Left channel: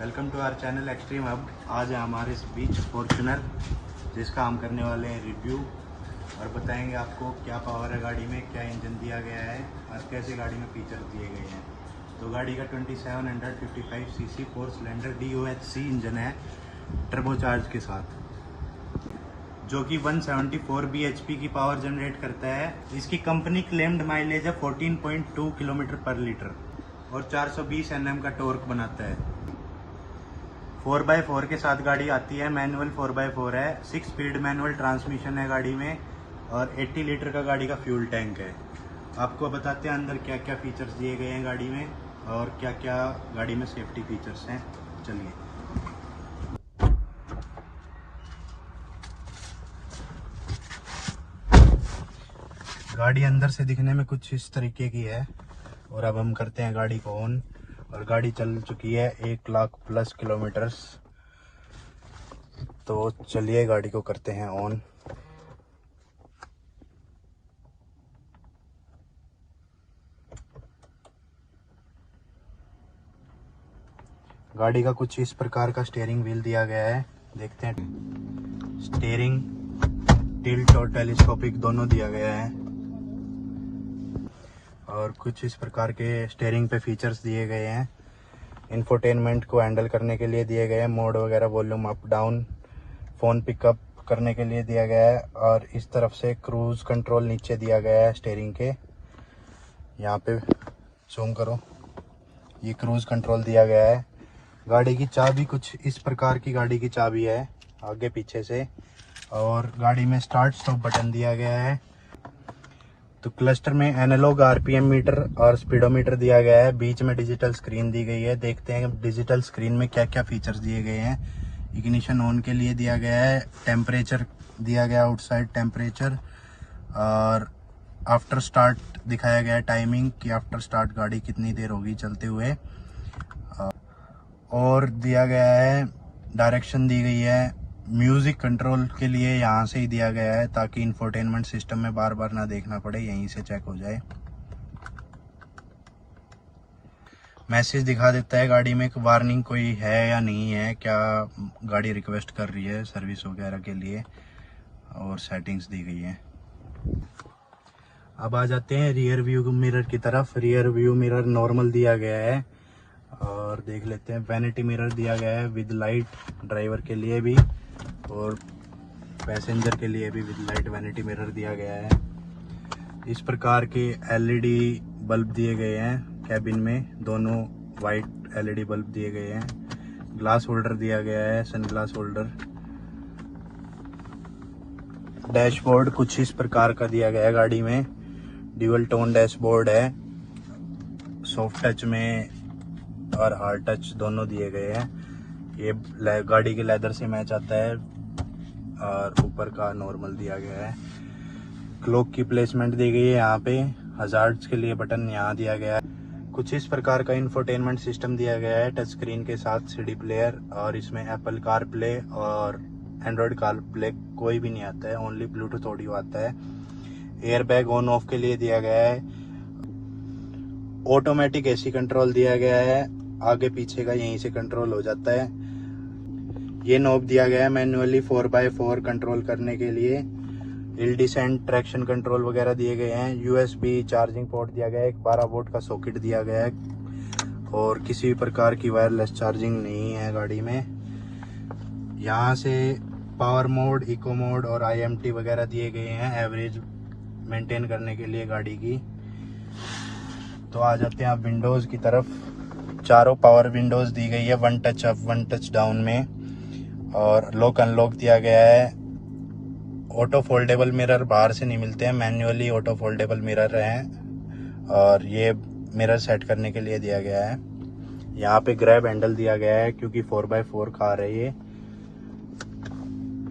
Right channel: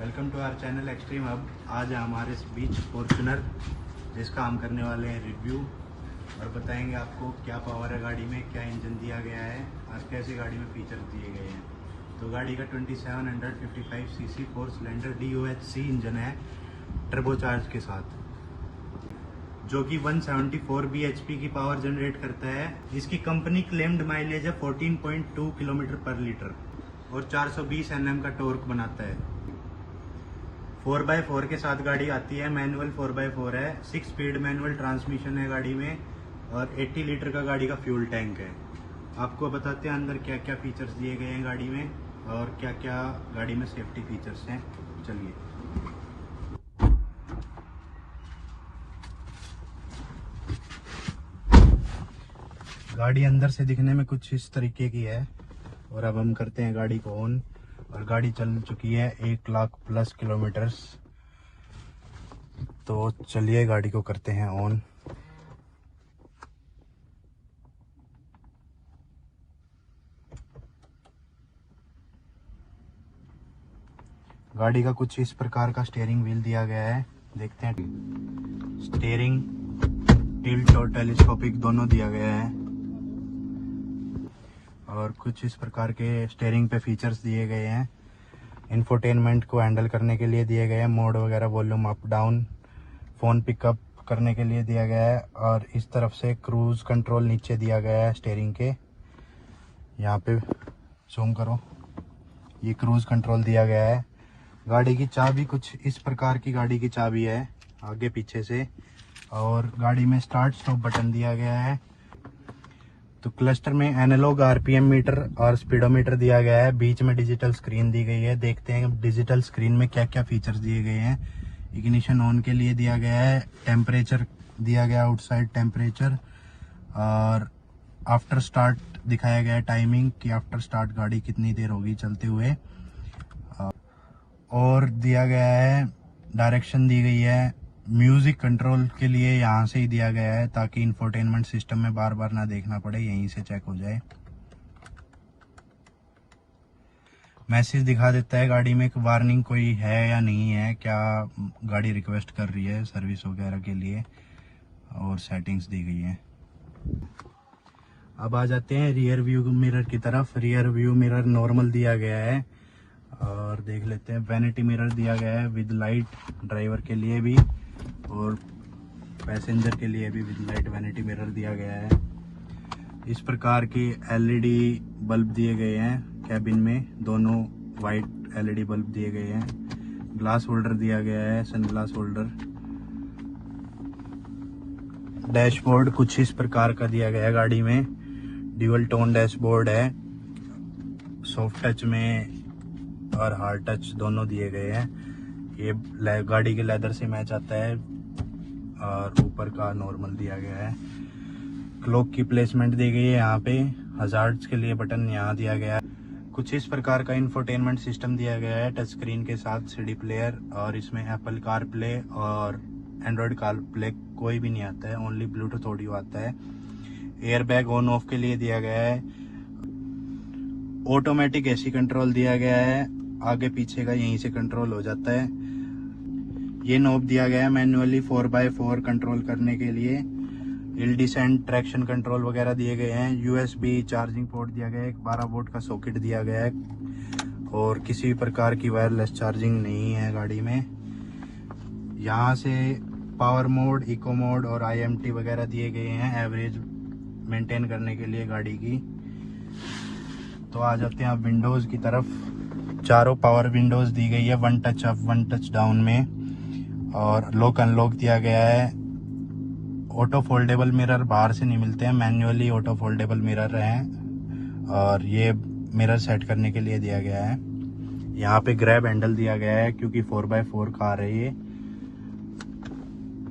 Welcome to our channel extreme hub. आज है हमारे बीच फॉर्च्यूनर, जिसका हम करने वाले हैं रिव्यू और बताएंगे आपको क्या पावर है गाड़ी में, क्या इंजन दिया गया है और कैसे गाड़ी में फीचर्स दिए गए हैं। तो गाड़ी का 2755 सीसी 4 सिलेंडर DOHC इंजन है टर्बोचार्ज के साथ, जो कि 174 bhp की पावर जनरेट करता है। इसकी कंपनी क्लेम्ड माइलेज है 14.2 किलोमीटर पर लीटर और 420 Nm का टॉर्क बनाता है। 4x4 के साथ गाड़ी आती है, मैनुअल 4x4 है, 6 स्पीड मैनुअल ट्रांसमिशन है गाड़ी में और 80 लीटर का गाड़ी का फ्यूल टैंक है। आपको बताते हैं अंदर क्या क्या फीचर्स दिए गए हैं गाड़ी में और क्या क्या गाड़ी में सेफ्टी फीचर्स हैं। चलिए, गाड़ी अंदर से दिखने में कुछ इस तरीके की है और अब हम करते हैं गाड़ी को ऑन और गाड़ी चल चुकी है 1 लाख प्लस किलोमीटर्स। तो चलिए गाड़ी को करते हैं ऑन। गाड़ी का कुछ इस प्रकार का स्टीयरिंग व्हील दिया गया है, देखते हैं। स्टीयरिंग टिल्ट और टेलीस्कोपिक दोनों दिया गया है और कुछ इस प्रकार के स्टीयरिंग पे फीचर्स दिए गए हैं। इंफोटेनमेंट को हैंडल करने के लिए दिए गए हैं, मोड वगैरह, volume up down, phone pickup करने के लिए दिया गया है और इस तरफ से क्रूज़ कंट्रोल नीचे दिया गया है स्टीयरिंग के। यहाँ पे जूम करो, ये क्रूज़ कंट्रोल दिया गया है। गाड़ी की चाबी कुछ इस प्रकार की गाड़ी की चाबी है, आगे पीछे से, और गाड़ी में स्टार्ट स्टॉप बटन दिया गया है। तो क्लस्टर में एनालॉग RPM मीटर और स्पीडोमीटर दिया गया है, बीच में डिजिटल स्क्रीन दी गई है। देखते हैं डिजिटल स्क्रीन में क्या क्या फीचर्स दिए गए हैं। इग्निशन ऑन के लिए दिया गया है, टेम्परेचर दिया गया, आउटसाइड टेम्परेचर, और आफ्टर स्टार्ट दिखाया गया है, टाइमिंग कि आफ्टर स्टार्ट गाड़ी कितनी देर होगी चलते हुए, और दिया गया है डायरेक्शन दी गई है। म्यूजिक कंट्रोल के लिए यहाँ से ही दिया गया है ताकि इंफोटेनमेंट सिस्टम में बार बार ना देखना पड़े, यहीं से चेक हो जाए। मैसेज दिखा देता है गाड़ी में वार्निंग कोई है या नहीं है, क्या गाड़ी रिक्वेस्ट कर रही है सर्विस वगैरह के लिए, और सेटिंग्स दी गई है। अब आ जाते हैं रियर व्यू मिरर की तरफ। रियर व्यू मिरर नॉर्मल दिया गया है और देख लेते हैं। वैनिटी मिरर दिया गया है विद लाइट, ड्राइवर के लिए भी और पैसेंजर के लिए भी विद लाइट वैनिटी मिरर दिया गया है। इस प्रकार के LED बल्ब दिए गए हैं कैबिन में, दोनों वाइट LED बल्ब दिए गए हैं। ग्लास होल्डर दिया गया है, सन ग्लास होल्डर। डैशबोर्ड कुछ इस प्रकार का दिया गया है गाड़ी में, ड्यूअल टोन डैशबोर्ड है, सॉफ्ट टच में और हार्ड टच दोनों दिए गए हैं। ये गाड़ी के लेदर से मैच आता है और ऊपर का नॉर्मल दिया गया है। क्लॉक की प्लेसमेंट दी गई है यहाँ पे, हजार्ड्स के लिए बटन यहाँ दिया गया है। कुछ इस प्रकार का इंफोटेनमेंट सिस्टम दिया गया है टच स्क्रीन के साथ, CD प्लेयर, और इसमें एप्पल कार प्ले और एंड्रॉयड कार प्ले कोई भी नहीं आता है, ओनली ब्लूटूथ ऑडियो आता है। एयर बैग ऑन ऑफ के लिए दिया गया है। ऑटोमेटिक AC कंट्रोल दिया गया है, आगे पीछे का यहीं से कंट्रोल हो जाता है। ये नॉब दिया गया है मैन्युअली 4x4 कंट्रोल करने के लिए। हिल डिसेंट, ट्रैक्शन कंट्रोल वगैरह दिए गए हैं। USB चार्जिंग पोर्ट दिया गया है, एक 12 वोल्ट का सॉकेट दिया गया है और किसी भी प्रकार की वायरलेस चार्जिंग नहीं है गाड़ी में। यहाँ से पावर मोड, इको मोड और IMT वगैरह दिए गए हैं एवरेज मेंटेन करने के लिए गाड़ी की। तो आ जाते हैं आप विंडोज़ की तरफ। चारों पावर विंडोज़ दी गई है, 1 टच अप 1 टच डाउन में, और लॉक अनलॉक दिया गया है। ऑटो फोल्डेबल मिरर बाहर से नहीं मिलते हैं, मैन्युअली ऑटो फोल्डेबल मिरर हैं और ये मिरर सेट करने के लिए दिया गया है। यहाँ पे ग्रैब हैंडल दिया गया है क्योंकि 4x4 कार है ये,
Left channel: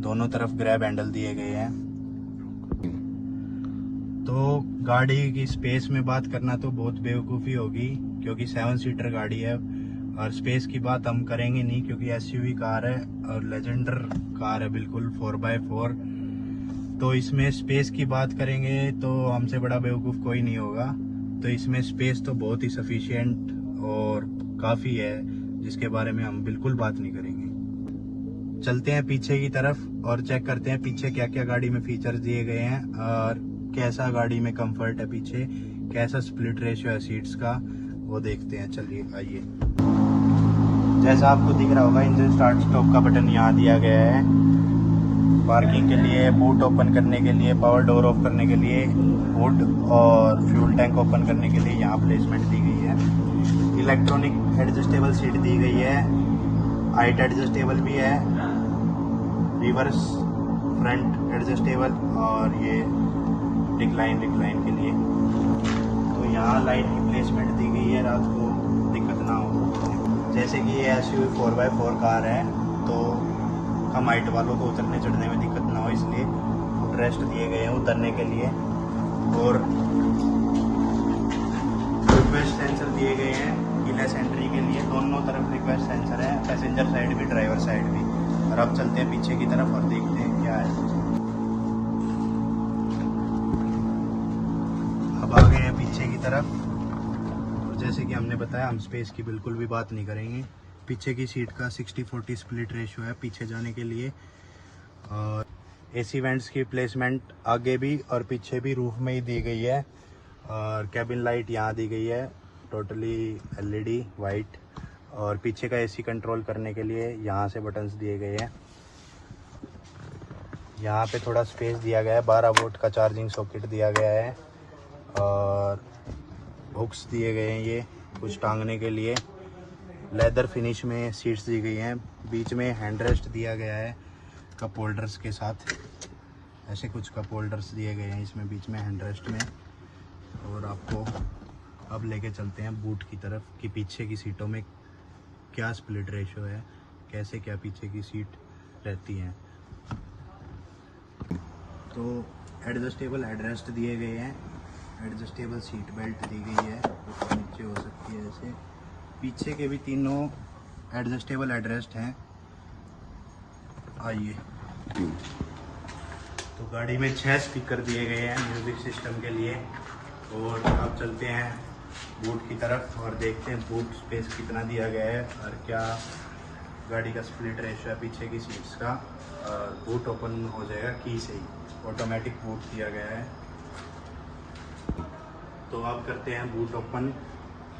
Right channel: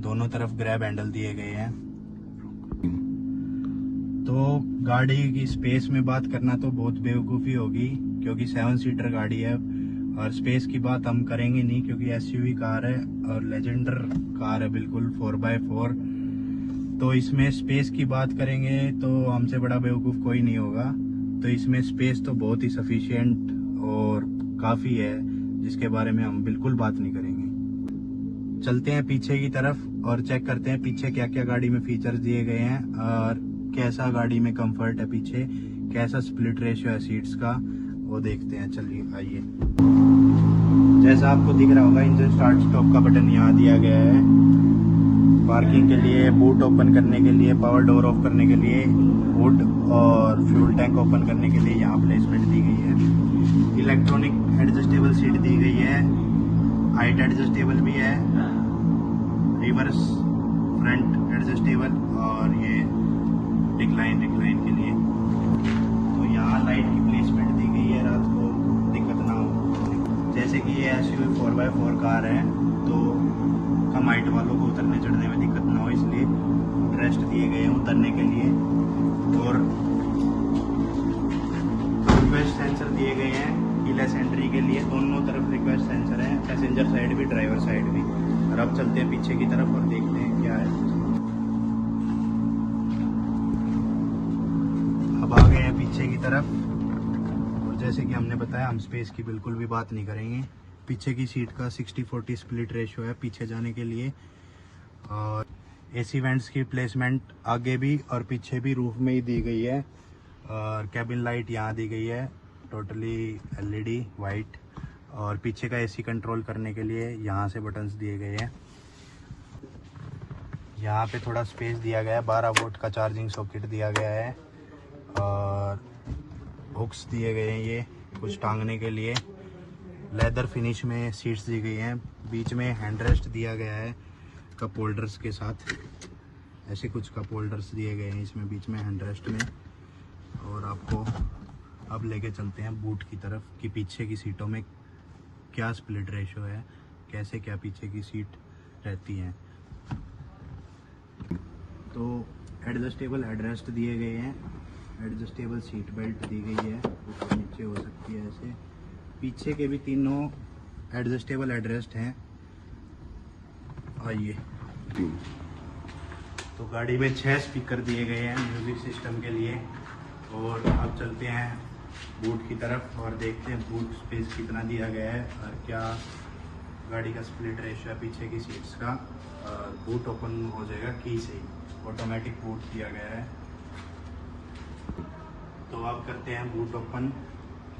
दोनों तरफ ग्रैब हैंडल दिए गए हैं। तो गाड़ी की स्पेस में बात करना तो बहुत बेवकूफ़ी होगी क्योंकि 7 सीटर गाड़ी है और स्पेस की बात हम करेंगे नहीं क्योंकि SUV कार है और लेजेंडर कार है बिल्कुल 4x4। तो इसमें स्पेस की बात करेंगे तो हमसे बड़ा बेवकूफ़ कोई नहीं होगा। तो इसमें स्पेस तो बहुत ही सफिशिएंट और काफ़ी है जिसके बारे में हम बिल्कुल बात नहीं करेंगे। चलते हैं पीछे की तरफ और चेक करते हैं पीछे क्या क्या गाड़ी में फीचर्स दिए गए हैं और कैसा गाड़ी में कंफर्ट है, पीछे कैसा स्प्लिट रेशियो है सीट्स का, वो देखते हैं। चलिए आइए। जैसा आपको दिख रहा होगा, इंजन स्टार्ट स्टॉप का बटन यहाँ दिया गया है। पार्किंग के लिए, बूट ओपन करने के लिए, पावर डोर ऑफ करने के लिए बूट और फ्यूल टैंक ओपन करने के लिए यहाँ प्लेसमेंट दी गई है। इलेक्ट्रॉनिक एडजस्टेबल सीट दी गई है, हाइट एडजस्टेबल भी है, रिवर्स फ्रंट एडजस्टेबल और ये रिक्लाइन के लिए। तो यहाँ लाइट की प्लेसमेंट दी गई है, रात को दिक्कत ना हो। जैसे कि ये SUV 4x4 कार है तो कम हाइट वालों को उतरने चढ़ने में दिक्कत ना हो, इसलिए रेस्ट दिए गए हैं उतरने के लिए। और रिक्वेस्ट सेंसर दिए गए हैं कीलेस एंट्री के लिए, दोनों तरफ रिक्वेस्ट सेंसर है, पैसेंजर साइड भी ड्राइवर साइड भी। और अब चलते हैं पीछे की तरफ और देखते हैं क्या है। अब आ गए हैं पीछे की तरफ और जैसे कि हमने बताया, हम स्पेस की बिल्कुल भी बात नहीं करेंगे। पीछे की सीट का 60-40 स्प्लिट रेशियो है पीछे जाने के लिए। और AC वेंट्स की प्लेसमेंट आगे भी और पीछे भी रूफ में ही दी गई है। और कैबिन लाइट यहाँ दी गई है, टोटली LED वाइट। और पीछे का AC कंट्रोल करने के लिए यहाँ से बटन्स दिए गए हैं। यहाँ पे थोड़ा स्पेस दिया गया है, 12 वोल्ट का चार्जिंग सॉकेट दिया गया है और हुक्स दिए गए हैं ये कुछ टांगने के लिए। लेदर फिनिश में सीट्स दी गई हैं, बीच में हैंड रेस्ट दिया गया है कप होल्डर्स के साथ। ऐसे कुछ कप होल्डर्स दिए गए हैं इसमें बीच में हैंड रेस्ट में। और आपको अब लेके चलते हैं बूट की तरफ कि पीछे की सीटों में क्या स्प्लिट रेशियो है, कैसे क्या पीछे की सीट रहती हैं। तो एडजस्टेबल हेडरेस्ट दिए गए हैं, एडजस्टेबल सीट बेल्ट दी गई है, ऊपर नीचे हो सकती है ऐसे। पीछे के भी तीनों एडजस्टेबल हेडरेस्ट हैं। आइए। तो गाड़ी में 6 स्पीकर दिए गए हैं म्यूजिक सिस्टम के लिए। और अब चलते हैं बूट की तरफ और देखते हैं बूट स्पेस कितना दिया गया है और क्या गाड़ी का स्प्लिट रेशियो है पीछे की सीट्स का। और बूट ओपन हो जाएगा की से ही, ऑटोमेटिक बूट दिया गया है। तो अब करते हैं बूट ओपन,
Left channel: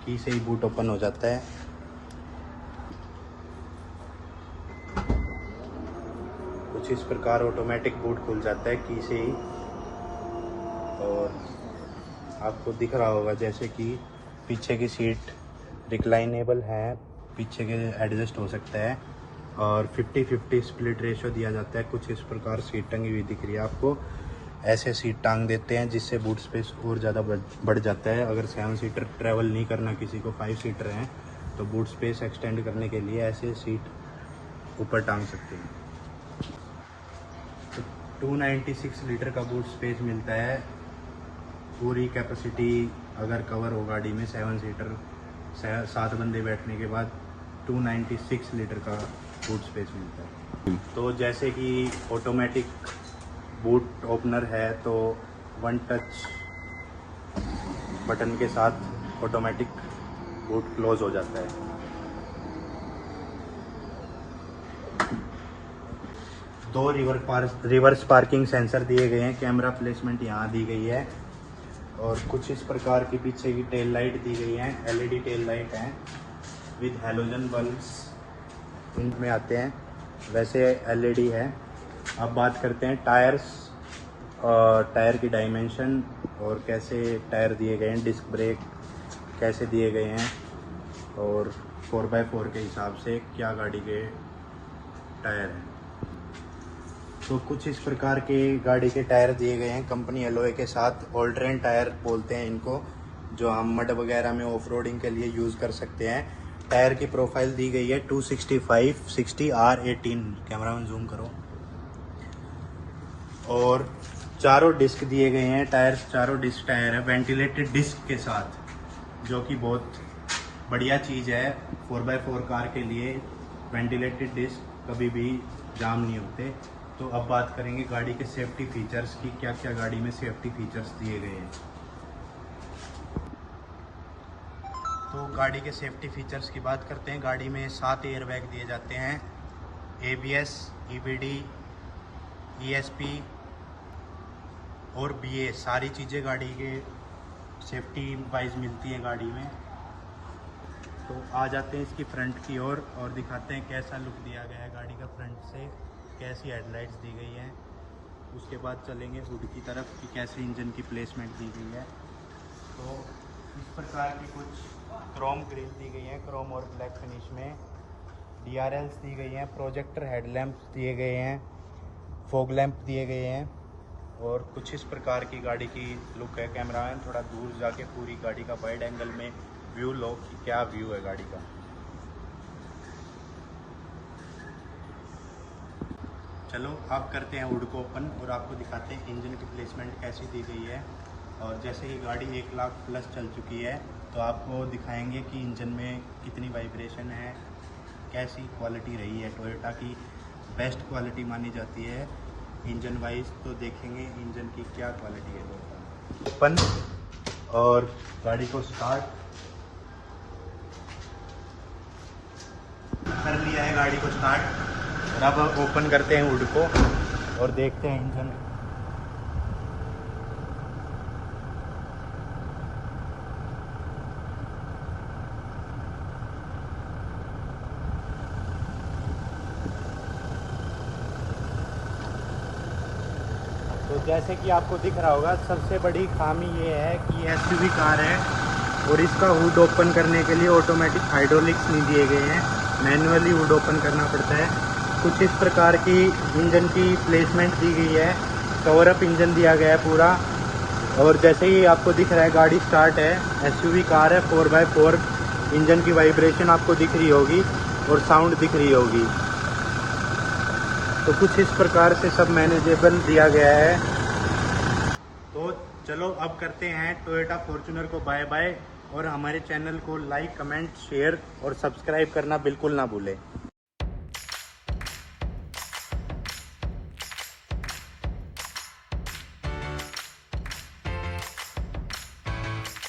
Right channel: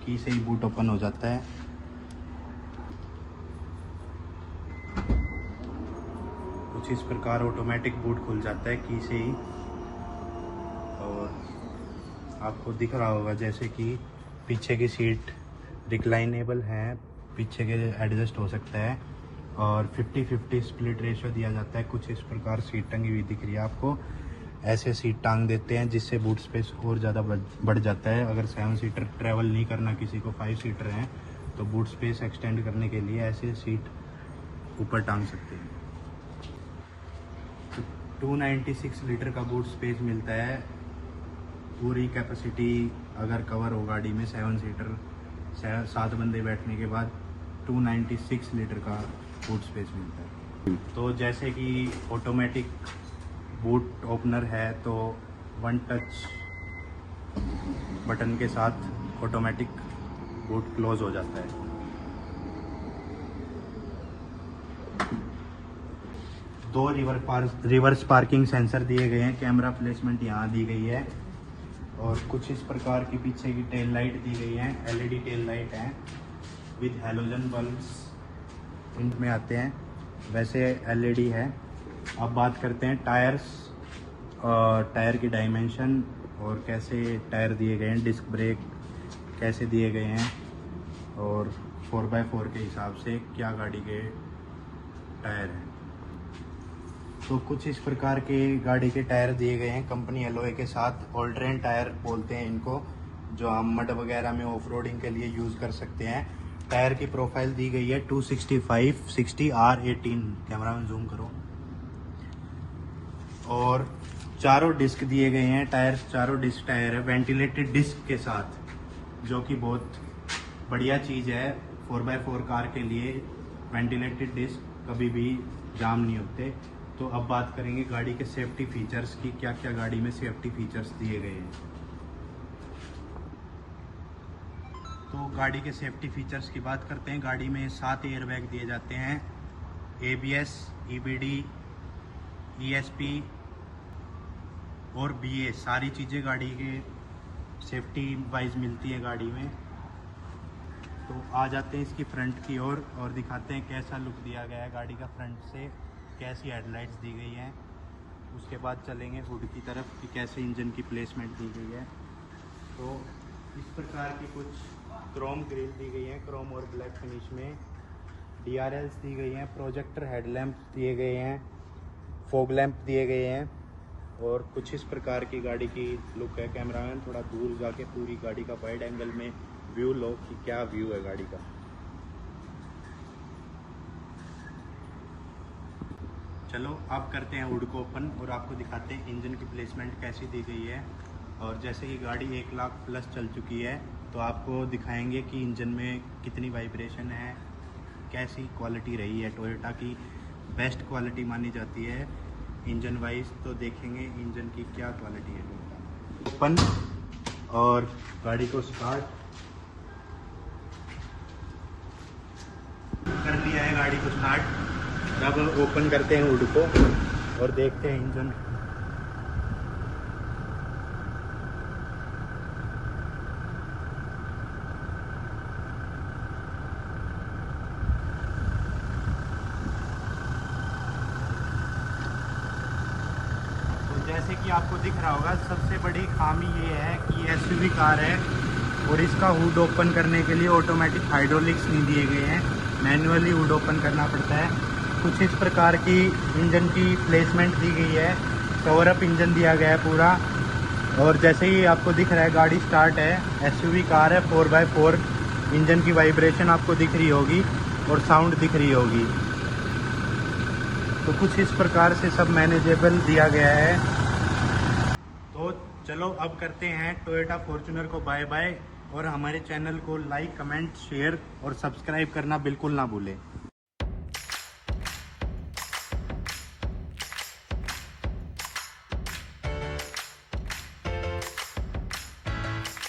की से ही बूट ओपन हो जाता है। कुछ इस प्रकार ऑटोमेटिक बूट खुल जाता है की से ही। और आपको दिख रहा होगा जैसे कि पीछे की सीट रिक्लाइनेबल है, पीछे के एडजस्ट हो सकता है। और 50-50 स्प्लिट रेशियो दिया जाता है। कुछ इस प्रकार सीट टंगी हुई दिख रही है आपको, ऐसे सीट टांग देते हैं जिससे बूट स्पेस और ज़्यादा बढ़ जाता है। अगर 7 सीटर ट्रैवल नहीं करना किसी को, 5 सीटर हैं, तो बूट स्पेस एक्सटेंड करने के लिए ऐसे सीट ऊपर टांग सकते हैं। तो 296 लीटर का बूट स्पेस मिलता है। पूरी कैपेसिटी अगर कवर हो गाड़ी में 7 सीटर 7 बंदे बैठने के बाद 296 लीटर का बूट स्पेस मिलता है। तो जैसे कि ऑटोमेटिक बूट ओपनर है तो 1 टच बटन के साथ ऑटोमेटिक बूट क्लोज हो जाता है। दो रिवर्स पार्किंग सेंसर दिए गए हैं, कैमरा प्लेसमेंट यहाँ दी गई है। और कुछ इस प्रकार की पीछे की टेल लाइट दी गई है, LED टेल लाइट है विद हेलोजन बल्ब्स प्रिंट में आते हैं, वैसे LED है। अब बात करते हैं टायर्स और टायर की डायमेंशन और कैसे टायर दिए गए हैं, डिस्क ब्रेक कैसे दिए गए हैं और 4x4 के हिसाब से क्या गाड़ी के टायर हैं। तो कुछ इस प्रकार के गाड़ी के टायर दिए गए हैं कंपनी एलॉय के साथ। ऑल ट्रेन टायर बोलते हैं इनको, जो हम मड वगैरह में ऑफ रोडिंग के लिए यूज़ कर सकते हैं। टायर की प्रोफाइल दी गई है 265/60 R18, कैमरा में जूम करो। और चारों डिस्क दिए गए हैं टायर, चारों डिस्क टायर है वेंटिलेटेड डिस्क के साथ, जो कि बहुत बढ़िया चीज़ है 4x4 कार के लिए। वेंटिलेटेड डिस्क कभी भी जाम नहीं होते। तो अब बात करेंगे गाड़ी के सेफ्टी फीचर्स की, क्या क्या गाड़ी में सेफ्टी फीचर्स दिए गए हैं। तो गाड़ी के सेफ्टी फीचर्स की बात करते हैं। गाड़ी में 7 एयरबैग दिए जाते हैं, ABS, EBD, ESP और BA, सारी चीज़ें गाड़ी के सेफ्टी वाइज मिलती है गाड़ी में। तो आ जाते हैं इसकी फ्रंट की ओर और दिखाते हैं कैसा लुक दिया गया है गाड़ी का फ्रंट से, कैसी हेडलाइट्स दी गई है। उसके बाद चलेंगे हुड की तरफ कि कैसे इंजन की प्लेसमेंट दी गई है। तो इस प्रकार की कुछ क्रोम ग्रिल दी गई है, क्रोम और ब्लैक फिनिश में। DRLs दी गई हैं, प्रोजेक्टर हेडलैम्प्स दिए गए हैं, फॉग लैंप दिए गए हैं और कुछ इस प्रकार की गाड़ी की लुक है। कैमरामैन थोड़ा दूर जाके पूरी गाड़ी का वाइड एंगल में व्यू लो कि क्या व्यू है गाड़ी का। चलो अब करते हैं हुड को ओपन और आपको दिखाते हैं इंजन की प्लेसमेंट कैसी दी गई है। और जैसे ही गाड़ी 1 लाख प्लस चल चुकी है तो आपको दिखाएंगे कि इंजन में कितनी वाइब्रेशन है, कैसी क्वालिटी रही है। टोयोटा की बेस्ट क्वालिटी मानी जाती है इंजन वाइज, तो देखेंगे इंजन की क्या क्वालिटी है। ओपन और गाड़ी को स्टार्ट कर लिया है, गाड़ी को स्टार्ट। अब ओपन करते हैं हुड को और देखते हैं इंजन। तो जैसे कि आपको दिख रहा होगा, सबसे बड़ी खामी ये है कि SUV कार है और इसका हुड ओपन करने के लिए ऑटोमेटिक हाइड्रोलिक्स नहीं दिए गए हैं, मैन्युअली हुड ओपन करना पड़ता है। कुछ इस प्रकार की इंजन की प्लेसमेंट दी गई है, कवर अप इंजन दिया गया है पूरा। और जैसे ही आपको दिख रहा है गाड़ी स्टार्ट है, SUV कार है, 4x4 इंजन की वाइब्रेशन आपको दिख रही होगी और साउंड दिख रही होगी। तो कुछ इस प्रकार से सब मैनेजेबल दिया गया है। तो चलो अब करते हैं टोयोटा फॉर्च्यूनर को बाय बाय और हमारे चैनल को लाइक, कमेंट, शेयर और सब्सक्राइब करना बिल्कुल ना भूलें।